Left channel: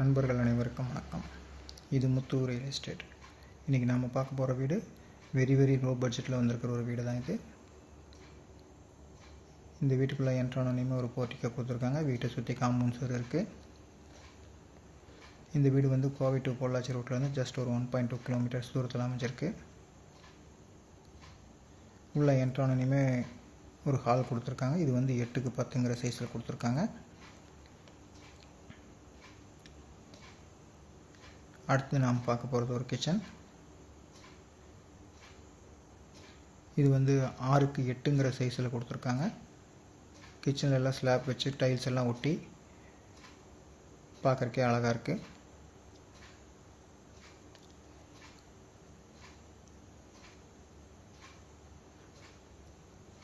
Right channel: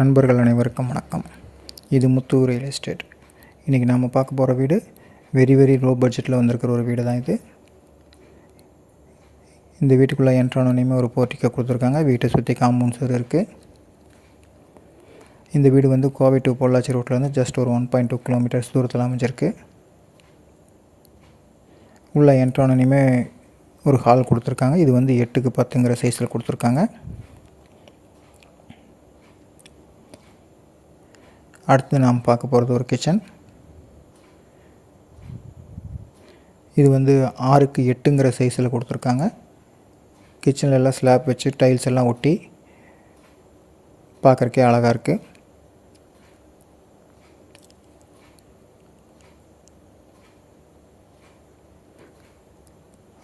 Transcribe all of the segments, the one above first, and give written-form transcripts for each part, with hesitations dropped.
நண்பர்கள் அனைவருக்கும் வணக்கம். இது முத்து ரியல் எஸ்டேட். இன்றைக்கி நாம் பார்க்க போகிற வீடு வெரி லோ பட்ஜெட்டில் வந்திருக்கிற ஒரு வீடு தான் இது. இந்த வீட்டுக்குள்ளே என்ட்ரானோனையுமே ஒரு போர்ட்டிக்கோ கொடுத்துருக்காங்க. வீட்டை சுற்றி காம்பவுண்ட் சுவர் இருக்குது. இந்த வீடு வந்து கோவை டு பொள்ளாச்சி ரோட்லேருந்து ஜஸ்ட் ஒரு 1.2 கிலோமீட்டர்ஸ் தூரத்தில் அமைஞ்சிருக்கு. உள்ள என்ட்ரானோனையுமே ஒரு ஹால் கொடுத்துருக்காங்க. இது வந்து 8க்கு 10ங்கிற சைஸில் கொடுத்துருக்காங்க. அடுத்து நாம் பார்க்க போகிறது ஒரு கிச்சன். இது வந்து 6க்கு 8ங்கிற சைஸில் கொடுத்துருக்காங்க. கிச்சனில் எல்லாம் ஸ்லாப் வச்சு டைல்ஸ் எல்லாம் ஒட்டி பார்க்குறக்கே அழகாக இருக்குது.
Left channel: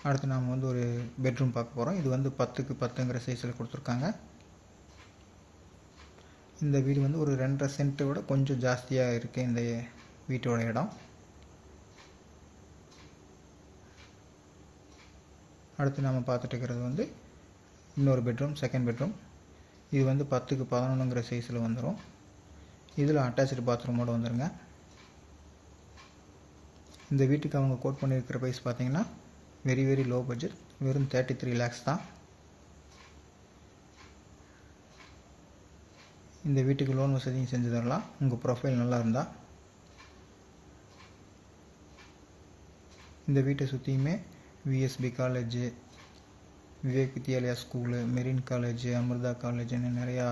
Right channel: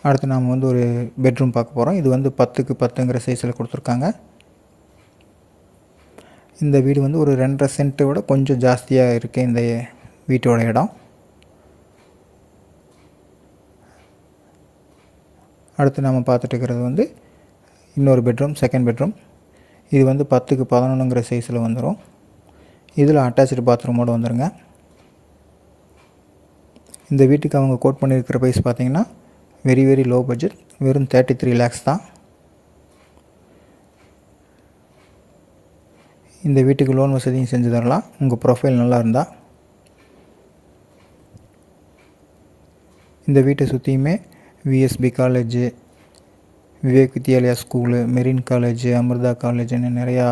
அடுத்து நாம் வந்து ஒரு பெட்ரூம் பார்க்க போகிறோம். இது வந்து 10க்கு 10ங்கிற சைஸில் கொடுத்துருக்காங்க. இந்த வீடு வந்து ஒரு 2.5 சென்ட்டை விட கொஞ்சம் ஜாஸ்தியாக இருக்குது இந்த வீட்டோட இடம். அடுத்து நம்ம பார்த்துட்டு இருக்கிறது வந்து இன்னொரு பெட்ரூம், செகண்ட் பெட்ரூம். இது வந்து 10க்கு 11ங்கிற சைஸில் வந்துடும். இதில் அட்டாச்சு பாத்ரூமோடு வந்துடுங்க. இந்த வீட்டுக்கு அவங்க கோட் பண்ணியிருக்கிற ப்ரைஸ் பார்த்திங்கன்னா வெரி லோ பட்ஜெட், வெறும் 33 lakhs தான். இந்த வீட்டுக்கு லோன் வசதியும் செஞ்சு தரலாம். உங்கள் ப்ரொஃபைல் நல்லா இருந்தால். இந்த வீட்டை சுற்றியுமே VSB college, Vivek Vidyalaya school, மெரின் காலேஜு, அமிர்தா காலேஜுன்னு நிறையா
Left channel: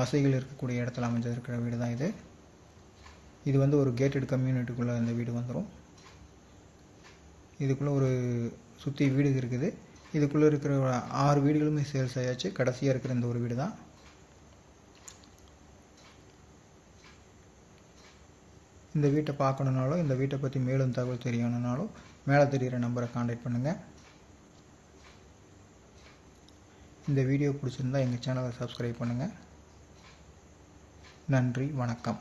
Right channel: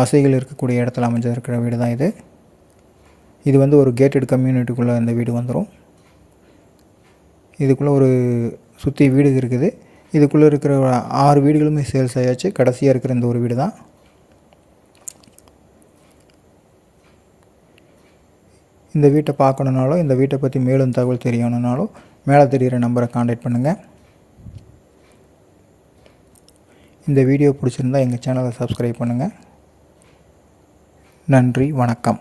வசதிகள் இருக்கக்கூடிய இடத்துல அமைஞ்சிருக்கிற வீடு தான் இது. இது வந்து ஒரு கேட்டட் கம்யூனிட்டிக்குள்ளே இந்த வீடு வந்துடும். இதுக்குள்ளே ஒரு சுற்றி வீடு இருக்குது. இதுக்குள்ளே இருக்கிற 6 வீடுகளுமே சேல்ஸ் ஆயாச்சு. கடைசியாக இருக்கிற இந்த ஒரு வீடு தான். இந்த வீட்டை பார்க்கணுன்னாலும், இந்த வீட்டை பற்றி மேலும் தகவல் தெரியணுன்னாலும் மேலே தெரிகிற நம்பரை காண்டாக்ட் பண்ணுங்கள். இந்த வீடியோ பிடிச்சிருந்தால் எங்கள் சேனலை சப்ஸ்கிரைப் பண்ணுங்கள். நன்றி, வணக்கம்.